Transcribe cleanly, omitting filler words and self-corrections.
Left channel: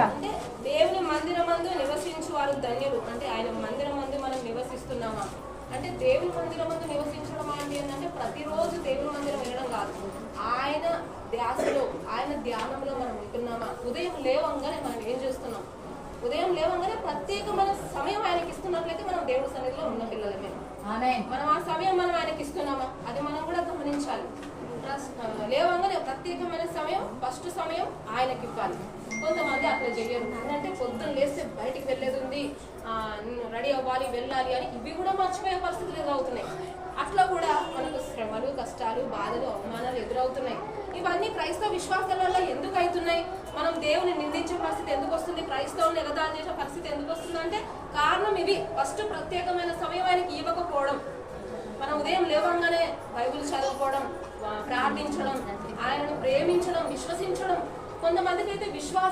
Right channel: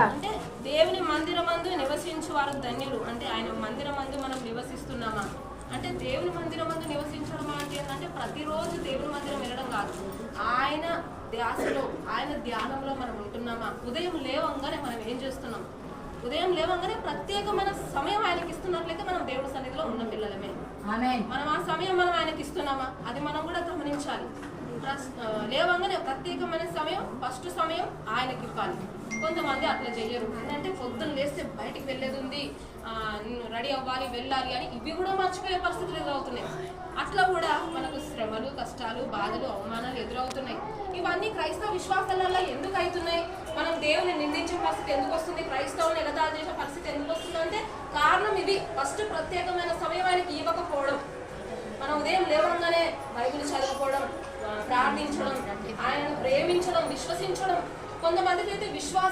అంటే దేవుని మందిరమందు నివసించు వారు ధన్యులు. అంటే ఆయన మందిరమందు మనం నివసిస్తున్నామా అంటే దేవుని మందిరమందు నివసించడం ఏంటంటే ప్రతిరోజు దేవుని మందిరం వెళ్ళడం కాదు, ఆయన ధ్యాసలో ఆయన ధ్యానంలో మనం ఉంటున్నామా. ఉదయం లేవంగానే మనం ఏం చేస్తున్నాం, ఉదయం లేవంగానే ప్రత్యేకమైన సమయం ఆయనకి ఇస్తున్నట్లయితే మనం దేవుడి సన్నిధిలో ఉన్న పిల్లలమే. మనం ఆ సమయం మనం ఆయనకి ఇస్తున్నామా అది మనం కూడా గమనించాలి. లేవంగానే ప్రత్యేకమైన సమయం, ఫస్ట్ సమయం ఆయనకి ఇవ్వాలి. కొంతమంది అట్లా చెయ్యరు, అంటే పొద్దున్న లేస్తే బయటికి వెళ్ళేది ఉంది, రెడీ అవ్వాలి వెళ్ళాలి అని ఇవి కూడా మర్చిపోయే పరిస్థితులు ఎదురవుతున్నాయి. అట్లా కూడా మనకు శ్రమలు, కష్టాలు, బాధలు, అవమానాలు ఎదురవుతున్నాయి. ఇవన్నీ క్రైస్తవ విశ్వాసాలలో ఎందుకు అవుతున్నాయి? మనం దేవుని నిందించే పరిస్థితి ఎందుకు వస్తుంది, క్రైస్తవులను ఎగతాళి చేసే పరిస్థితి ఎందుకు వస్తుందంటే కారణం ఇది. ఫస్ట్ ప్రత్యేకమైన సమయం ఆయనకి ఇవ్వకపోవడం. మనం ఉదయం లేవంగానే బైబిల్ చదువుకోవడం, ప్రార్థించడం, ఆయనను ప్రేమించడం, విశ్వసించడం. కొంతమందికి అయితే విశ్వాసం